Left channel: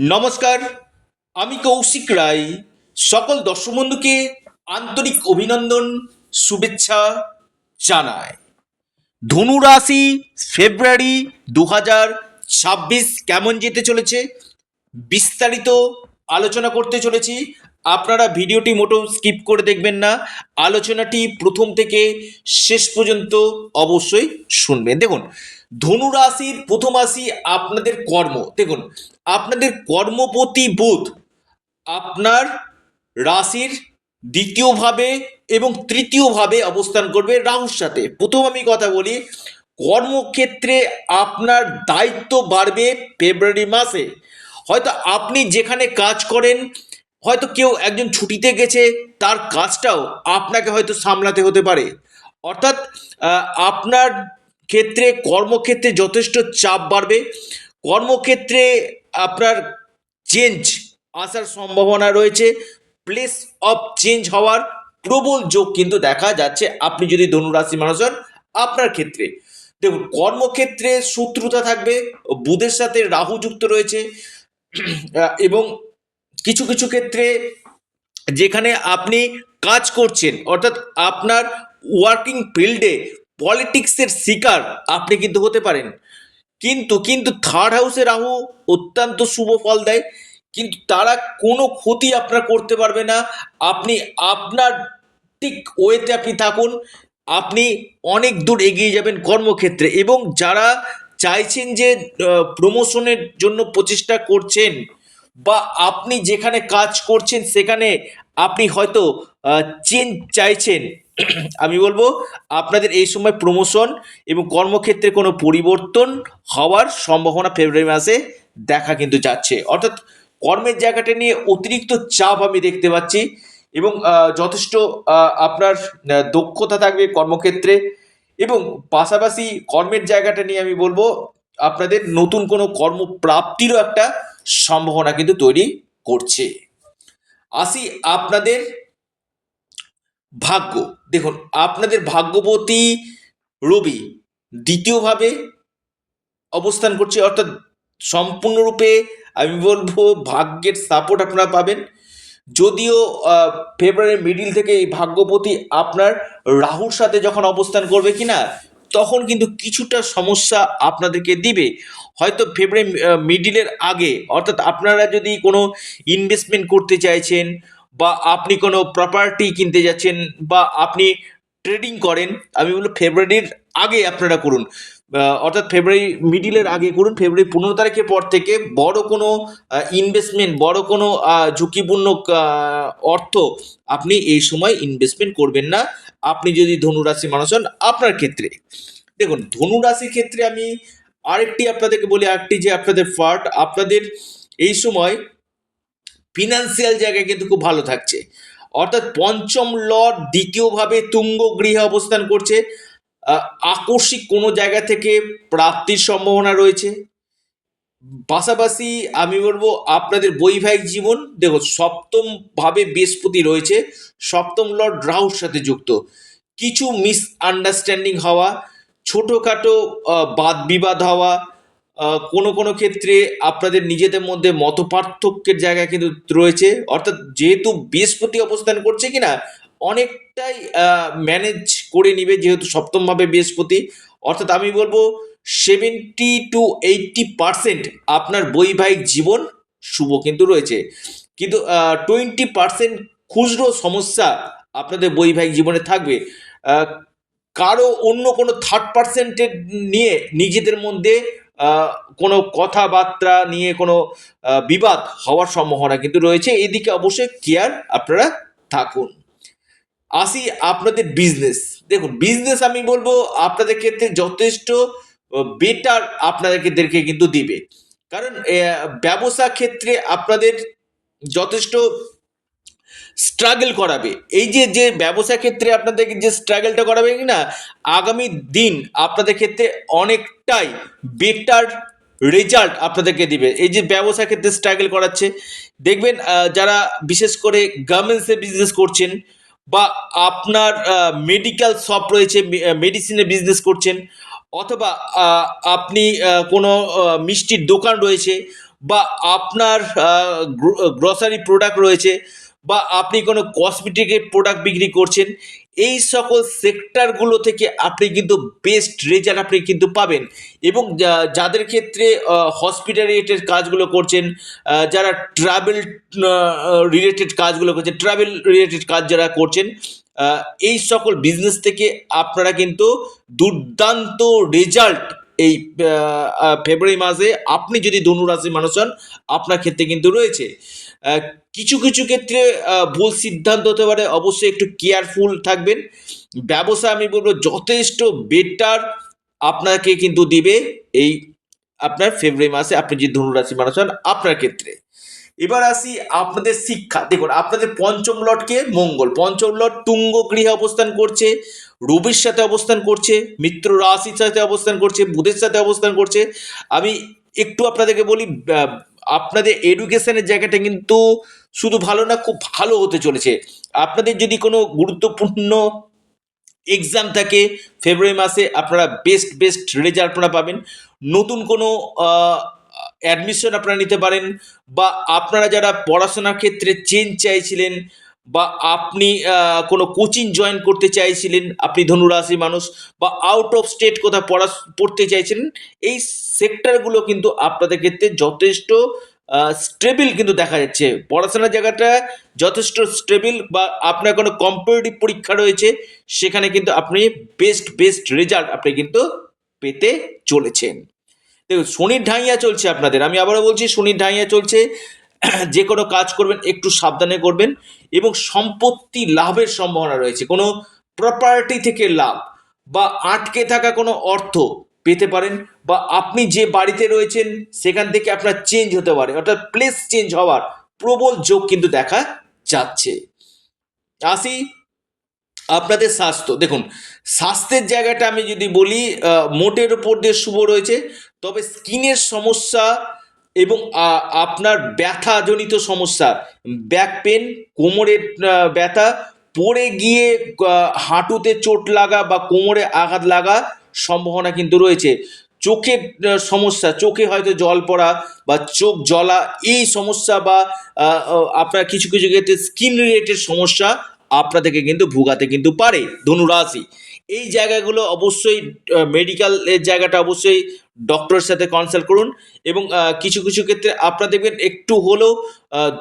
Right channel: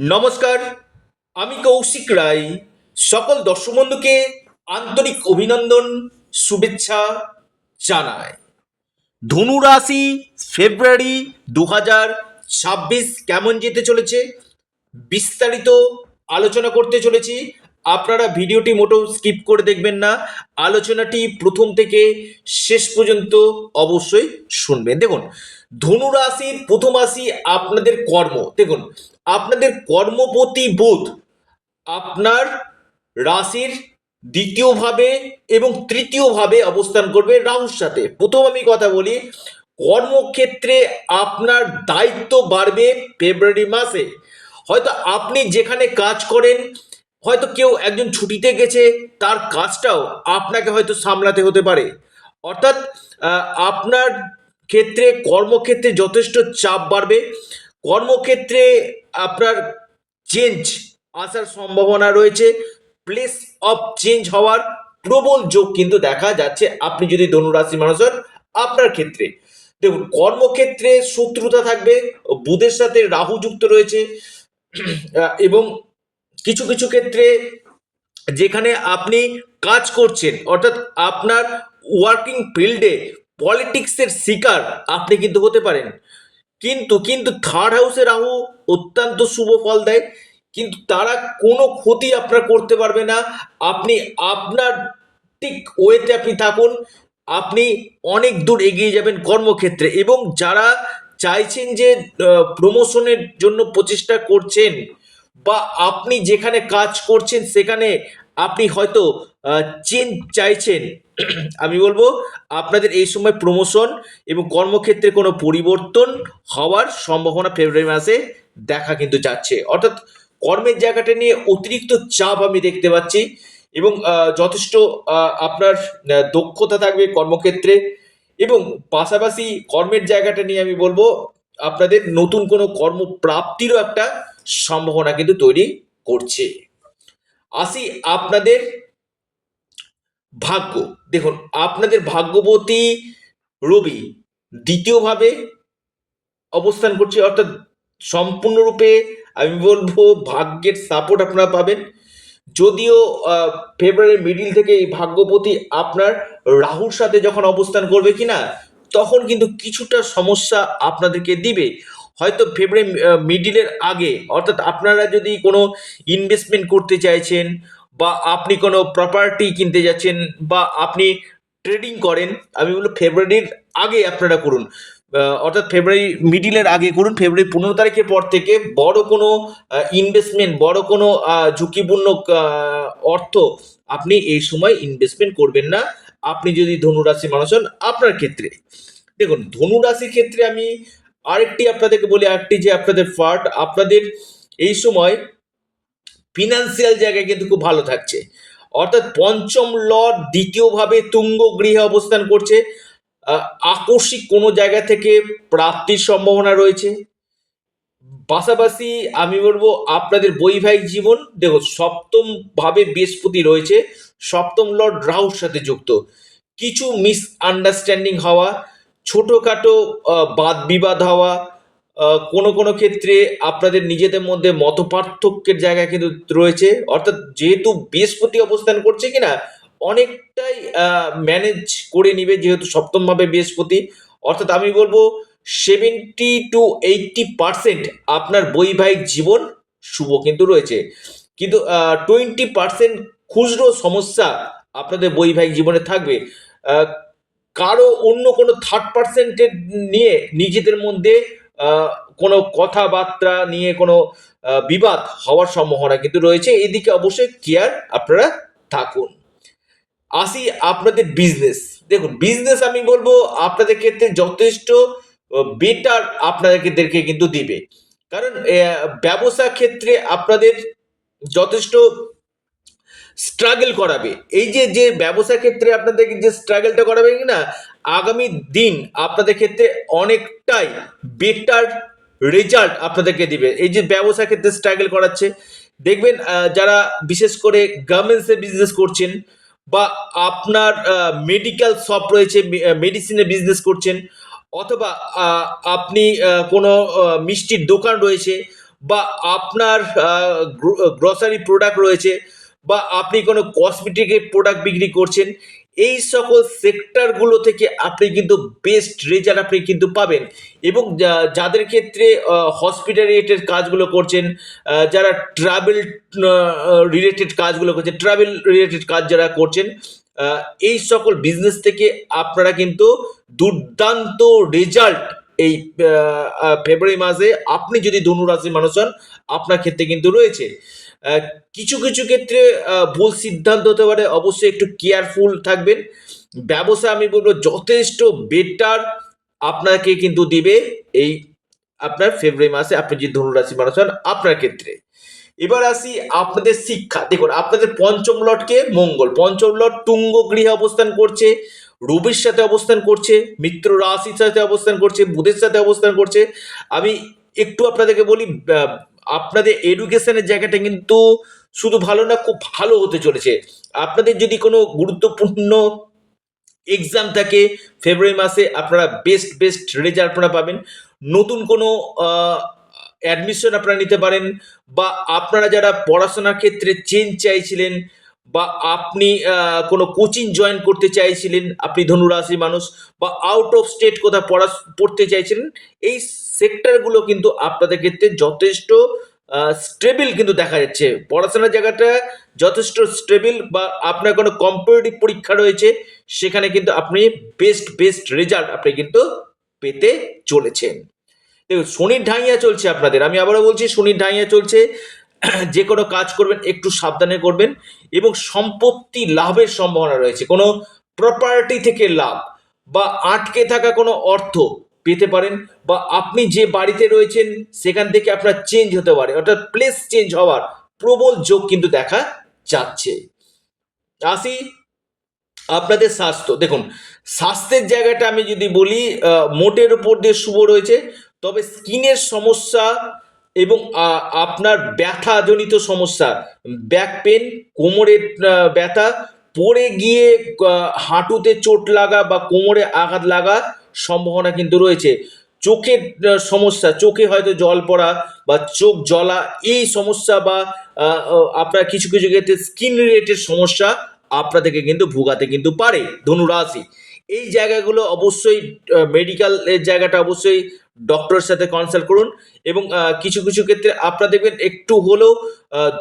নমস্কার, আমি কৌশিক রায়। সকল দর্শক বন্ধুকে আন্তরিক অভিনন্দন, শুভেচ্ছা জানাই। ধনু রাশি ফেব্রুয়ারি দু হাজার ছাব্বিশ কেমন যেতে চলেছে? বিস্তারিত আলোচনা করতে চলেছি। আপনারা ভিডিওটি মোটেও স্কিপ করে দেখবেন না। আলোচনাটি প্রথম থেকে শেষ পর্যন্ত অবশ্যই শুনবেন। দেখুন ধনু রাশির প্রথম রাশি আপনাদের কর্ম। দেখুন, আপনাদের কর্মপতি বুধ আপনার রাশির দ্বিতীয়ভাবে এবং তৃতীয়ভাবে অবস্থান করবে রাহুর সাথে। প্রথম আমি কথা বলি, কর্মক্ষেত্রে আপনার দায়িত্ব বাড়বে ফেব্রুয়ারি মাসে। হয়তো আপনি যেখানে কাজ করেন, হয়তো কেউ একজন ছুটিতে গেছে, তার কাজটাও আপনাকে হয়তো সামলাতে হতে পারে। অর্থাৎ আপনার ক্ষেত্রে, কর্মক্ষেত্রে যথেষ্ট চাপ বাড়বে। কর্মক্ষেত্রে আপনার চেঞ্জ আসার সম্ভাবনা রয়েছে। প্লেস অফ চেঞ্জ হওয়ার প্রবল যোগ কিন্তু দেখা যাচ্ছে। আপনি যদি ধনুরাশি মানুষ হন, আপনার ক্ষেত্রে। দেখুন, কর্মক্ষেত্রে শত্রুতা থাকবে, বুধের সাথে রাহু যুক্ত রয়েছে। এবং কিছু কিছু ক্ষেত্রে যেখানে আপনি কাজ করছেন, অর্থাৎ আপনার ওয়ার্কিং ফিল্ডে পলিটিক্সের শিকার আপনি কিন্তু হতে পারেন। কিন্তু কিন্তু থার্ড হাউসে রাহু অত্যন্ত শুভ ফল দেয়। কিন্তু তারা কোনো ক্ষতি আপনার করতে পারবে না। আপনি আপনার ঠিক ওয়েতে আপনি থাকুন। আপনি অনেক দূর এগিয়ে যাবেন কর্মক্ষেত্রে এবং যারা চাইছেন যে প্রমোশনের জন্য প্রচেষ্টা করছেন বা আপনি যেখানে কাজ করছেন সেখানে আপনি হয়তো চেঞ্জ চাইছেন। আমি বলব, আপনাদের এই সময় প্রমোশন এবং কর্মক্ষেত্রে কোনো পরিবর্তন হওয়ার সম্ভাবনা ফেব্রুয়ারি মাসে দেখা কিন্তু যাচ্ছে। অর্থাৎ কর্মের জায়গাটা নিয়ে অতিরিক্ত চাপ আমি দেখতে পাচ্ছি এবং যথেষ্ট আপনার দক্ষতা থাকবে কর্মক্ষেত্রে এবং পাশাপাশি কর্মের জায়গাটা নিয়ে আমি বলব, আপনাদের নতুন কোনো কর্মপ্রাপ্তিরও একটা সম্ভাবনা কিন্তু তৈরি করছে। আসি আপনাদের ভাগ্য। দেখুন আপনাদের ভাগ্যবতী রবি দ্বিতীয়ভাবে অবস্থান করছে অর্থাৎ সম্পূর্ণরূপে আমি বলব ভাগ্যের সাপোর্ট আপনারা পাবেন। যদিও আহ, ফেব্রুয়ারি মিডিল থেকে এই ভাগ্যপতি আপনার রাহুর সাথে যখন অবস্থান করবে কিনা তখন কিন্তু কিছুটা সমস্যা আপনাদেরকে দিবে। হয়তো ফেব্রুয়ারি মিডিলের আগে, অর্থাৎ আপনারা যদি কোনো ইনভেস্টমেন্ট করতে চাইছেন বা আপনি কোনো প্রপার্টি কিনতে যাচ্ছেন বা আপনি ট্রেডিং করেন, আমি বলব ফেব্রুয়ারির আগে আপনারা করুন। অর্থাৎ ফেব্রুয়ারি মিডিলের আগে করুন, ফেব্রুয়ারি পনেরো তারিখের পর থেকে বড় কোনো ইনভেস্টমেন্ট বড় কোনো ঝুঁকিপূর্ণ অর্থ আপনি এই সময় ইনভেস্টমেন্ট করবেন না। আপনি যদি ধনুরাশি মানুষ হন, আপনার ক্ষেত্রে। দেখুন, ধনুরাশির ক্ষেত্রে আমি আরেকটি আপনাদেরকে বলি, আরেকটি যে আপনাদের ফার্ট আপনাদের এই সময় ফিনান্সিয়াল জায়গায় কিন্তু খুব ভালো থাকছে। অর্থাৎ পঞ্চম লর্ড দ্বিতীয়ভাবে তুঙ্গ গৃহে অবস্থান করছে। আকস্মিক কোনো জায়গা থেকে প্রাপ্তির সম্ভাবনা রয়েছে। পাশাপাশি আমি বলব, আপনাদের বৈবাহিক জীবন, দেখো সপ্তম ভাবে বৃহস্পতি রয়েছে, সপ্তম লর্ড রাহুর সাথে যুক্ত। কিছু মিস আন্ডারস্ট্যান্ডিং হওয়া ছোটোখাটো বাদ বিবাদ হওয়া কোনো কোনো ক্ষেত্রে আপনাদের নিজেদের মধ্যে মত পার্থক্যের জায়গা কিন্তু রয়েছে। অর্থাৎ যেহেতু বৃহস্পতি অবস্থান করছে কিনা, অনেকটাই ম্যানেজ করে নিবে যেহেতু সপ্তমভাবে বৃহস্পতি। অর্থাৎ আমি বলব সেভেন্টি টু এইটটি পার্সেন্ট আপনার বৈবাহিক জীবন শুভ কিন্তু রয়েছে। কিন্তু টোয়েন্টি পার্সেন্ট খুচরো সমস্যা আপনাদের বৈবাহিক জীবনে থাকবে। কারও অন্য কোনো থার্ড পার্সেন্টের নিয়ে নিজেদের মধ্যে কোনো কথাবার্তা নিয়ে কোনো বিবাদ হওয়ার সম্ভাবনা কিন্তু রয়েছে। এদিকে অবশ্যই কেয়ার আপনারা থাকুন। আসি আপনাদের বিজনেস দেখুন বিজনেস আমি বলব আপনাদের ক্ষেত্রে যথেষ্ট বেটার আপনাদেরকে কিন্তু দিবে। কারণ ব্যবসা ক্ষেত্রে আপনাদের যথেষ্ট স্ট্রাগল করাবে। এই যে যে ব্যবসা ক্ষেত্রে আপনাদেরকে যে স্ট্রাগলটা করাবে না আগামী দিন আপনাদের ক্ষেত্রে অনেকটাই বেটার রেজাল্ট আপনাদেরকে দিবে। এই যে ব্যবসা ক্ষেত্রে স্ট্রাগল করাচ্ছে, দেখবেন যারা বিশেষ করে গার্মেন্টসে বিজনেস করছেন বা আপনার মেডিকেল শপ রয়েছে মেডিসিনের বিজনেস করছেন, অথবা আপনি কোনো মিষ্টির দোকান রয়েছে বা আপনার গ্রসারি প্রোডাক্ট রয়েছে বা আপনি কোনো কসমেটিকের প্রোডাক্ট বিক্রি করছেন, এই সকল সেক্টরগুলো থেকে আপনি কিন্তু বেস্ট রেজাল্ট আপনি কিন্তু পাবেন। এবং যাদের ক্ষেত্রে হসপিটালিটের কাজগুলো করছেন যারা ট্রাভেল রিলেটেড কাজগুলো করছেন ট্রাভেল রিলেটেড কাজ যারা করছেন এই সকল বিজনেস থেকে আপনারা কিন্তু দুর্দান্ত রেজাল্ট এই ফেব্রুয়ারি মাসে আপনি যদি ধনুরাশির মানুষ হন, আপনার ক্ষেত্রে কিন্তু রয়েছে। কিছু কিছু ক্ষেত্রে ভুল সিদ্ধান্ত হতে পারে, অবশ্যই একটু কেয়ারফুল থাকবেন। ব্যবসা আমি বলব যথেষ্ট বেটার আপনাকে কিন্তু দিবে এই আপনার ফেব্রুয়ারি মাসে আপনি যে ধনুরাশি মানুষ হন, আপনার ক্ষেত্রে। এবার আসি আপনাদের শিক্ষা। দেখুন, আপনাদের পঞ্চম লটকে মঙ্গল, পঞ্চম লট তুঙ্গ গৃহে অবস্থান করছে। রবির সাথে অবস্থান করছে, মিত্র রাশির সাথে অবস্থান করছে, বুধের সাথে অবস্থান করছে। আমি একটু আপনাদেরকে বলি আপনাদের এডুকেশনের জায়গাটা কিন্তু শুধু ভালো না, খুব ভালো হতে চলেছে। আপনাদের যদি কোনো গুরুত্বপূর্ণ এক্সাম থাকে ফেব্রুয়ারি মাসে আপনারা বেস্ট বেস্ট রেজাল্ট আপনারা পাবেন। নতুন কোনো অ্যাডমিশন আপনারা নিতে পারেন বা আপনারা যারা পড়াশোনার ক্ষেত্রে চেঞ্জ চাইছিলেন বা আপনি কোনো কোচিং জয়েন করতে চাইছিলেন, আপনি ধনুরাশি মানুষ, বা আউট অফ স্টেট কোথাও পড়া, পড়তে চাইছিলেন, এই সেক্টরগুলো কিন্তু আপনাদের ক্ষেত্রে যথেষ্ট স্টেবিল কিন্তু দেখা যাচ্ছে। পড়াশোনার জায়গাটা যথেষ্ট স্টেবিল বা আপনার কোনো কম্পিটিটিভ পরীক্ষা রয়েছে, সেখানে কিন্তু আপনি বেস্ট বেস্ট রেজাল্ট আপনি কিন্তু পেতে চলেছেন। দেখুন, শনির ঢাইয়া চলছে আপনাদের। আমি আবারও বলছি, শনির ঢাইয়া চলছে। যে কোনো কাজ করবেন, একটু সাবধানে করবেন এবং সম্পত্তি লাভের সম্ভাবনা রয়েছে। কোনো প্রপার্টি থেকে লাভ বা আটকে থাকা কোনো অর্থ পেতে পারেন বা আপনি যে বাড়িতে রয়েছেন সেখান থেকে আপনার চেঞ্জ হতে পারে, অর্থাৎ প্লেস চেঞ্জ হওয়ার প্রবল যোগ কিন্তু দেখা যাচ্ছে। আসি আপনাদের স্বাস্থ্য। দেখুন, স্বাস্থ্যের জায়গাটা আমি যদি বলি মোটের উপর দিয়ে শুভ রয়েছে, তবে স্কিনের সমস্যা এবং আপনার ব্যথাজনিত সমস্যা ব্যাক পেন কোমরের ব্যথা, পড়ে গিয়ে হাঁটুতে চোট লাগা বা কোমরে আঘাত লাগা সম্ভাবনা কিন্তু রয়েছে। চোখের সমস্যা, চোখে হয়তো জল পড়া বা চোখ জ্বলা, এই সমস্যা বা আপনার কিছু কিছু ক্ষেত্রে স্কিন রিলেটেড সমস্যা আপনাদেরকে কিন্তু ভোগাতে কিন্তু পারে, ধনুরাশি। এই জায়গাগুলো অবশ্যই মেডিকেলের জায়গাটা অবশ্যই ডক্টরের সাথে কনসাল্ট করুন এবং কিছু কিছু ক্ষেত্রে আপনারা দেখবেন একটু হলেও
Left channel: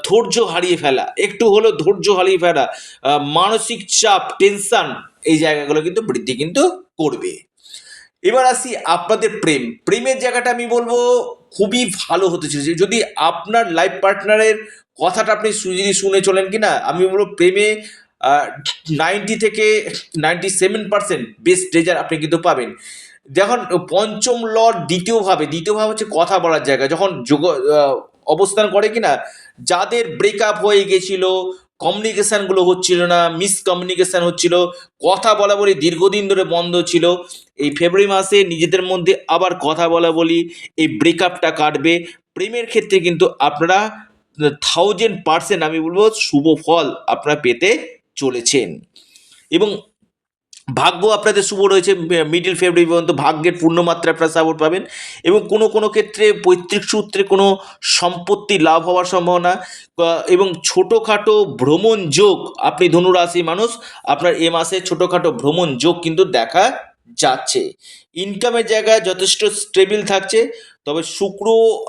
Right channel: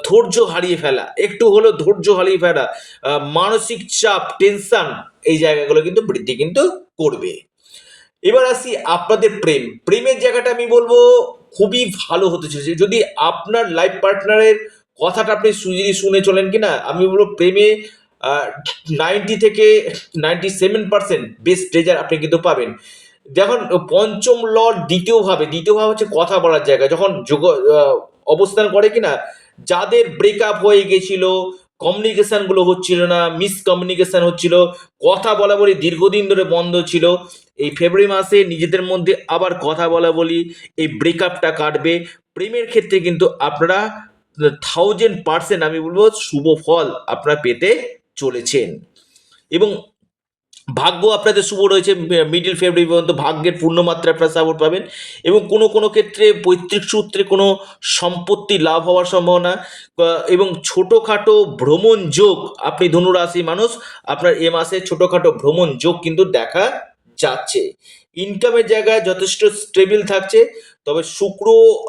ধৈর্য হারিয়ে ফেলা, একটু হলেও ধৈর্য হারিয়ে ফেলা মানসিক চাপ টেনশন এই জায়গাগুলো কিন্তু বৃদ্ধি কিন্তু করবে। এবার আসি আপনাদের প্রেম। প্রেমের জায়গাটা আমি বলব খুবই ভালো হতে চলেছে। যদি আপনার লাইফ পার্টনারের কথাটা আপনি যদি শুনে চলেন কি না আমি বলব প্রেমে নাইনটি থেকে ninety seven percent best result আপনি কিন্তু পাবেন। যখন পঞ্চম লর্ড দ্বিতীয়ভাবে দ্বিতীয়ভাবে হচ্ছে কথা বলার জায়গা। যখন যোগ অবস্থান করে কিনা, যাদের ব্রেকআপ হয়ে গেছিল কমিউনিকেশনগুলো হচ্ছিল না মিসকমিউনিকেশন হচ্ছিল, কথা বলা বলি দীর্ঘদিন ধরে বন্ধ ছিল, এই ফেব্রুয়ারি মাসে নিজেদের মধ্যে আবার কথা বলা বলি, এই ব্রেকআপটা কাটবে। প্রেমের ক্ষেত্রে কিন্তু আপনারা থাউজেন্ড পার্সেন্ট আমি বলব শুভ ফল আপনারা পেতে চলেছেন। এবং ভাগ্য আপনাদের শুভ রয়েছে মিডিল ফেব্রুয়ারি পর্যন্ত ভাগ্যের পূর্ণমাত্রা আপনারা সাপোর্ট পাবেন এবং কোনো কোনো ক্ষেত্রে পৈতৃক সূত্রে কোনো সম্পত্তি লাভ হওয়ার সম্ভাবনা এবং ছোটোখাটো ভ্রমণ যোগ, আপনি ধনুরাশি মানুষ, আপনার এ মাসে ছোটোখাটো ভ্রমণ যোগ কিন্তু দেখা যাচ্ছে। ইনকামের জায়গায় যথেষ্ট স্টেবিল থাকছে, তবে শুক্র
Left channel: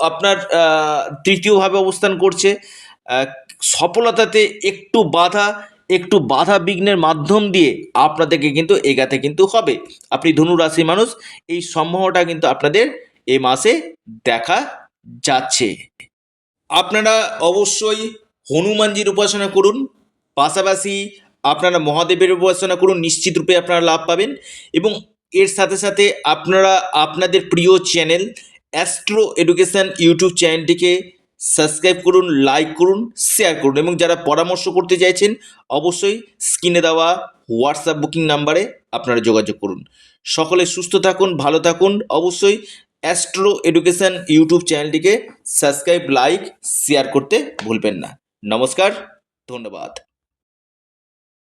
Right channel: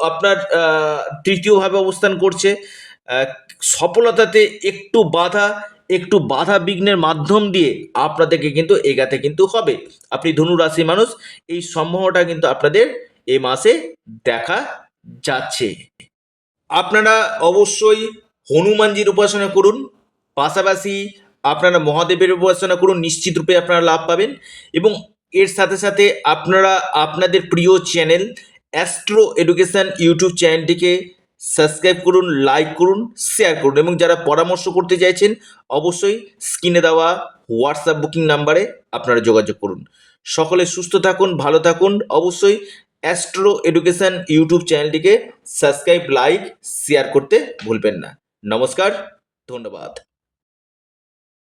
আপনার তৃতীয়ভাবে অবস্থান করছে সফলতাতে একটু বাধা একটু বাধা বিঘ্নের মাধ্যম দিয়ে আপনাদেরকে কিন্তু এগাতে কিন্তু হবে। আপনি ধনু রাশির মানুষ, এই সম্ভাবনাটা কিন্তু আপনাদের এ মাসে দেখা যাচ্ছে। আপনারা অবশ্যই হনুমানজির উপাসনা করুন, পাশাপাশি আপনারা মহাদেবের উপাসনা করুন, নিশ্চিত রূপে আপনারা লাভ পাবেন এবং এর সাথে সাথে আপনারা আপনাদের প্রিয় চ্যানেল অ্যাস্ট্রো এডুকেশন ইউটিউব চ্যানেলটিকে সাবস্ক্রাইব করুন লাইক করুন শেয়ার করুন এবং যারা পরামর্শ করতে চাইছেন, অবশ্যই স্ক্রিনে দেওয়া হোয়াটসঅ্যাপ বুকিং নাম্বারে আপনারা যোগাযোগ করুন। সকলে সুস্থ থাকুন, ভালো থাকুন। অবশ্যই অ্যাস্ট্রো এডুকেশান ইউটিউব চ্যানেলটিকে সাবস্ক্রাইব লাইক শেয়ার করতে ভুলবেন না। নমস্কার, ধন্যবাদ।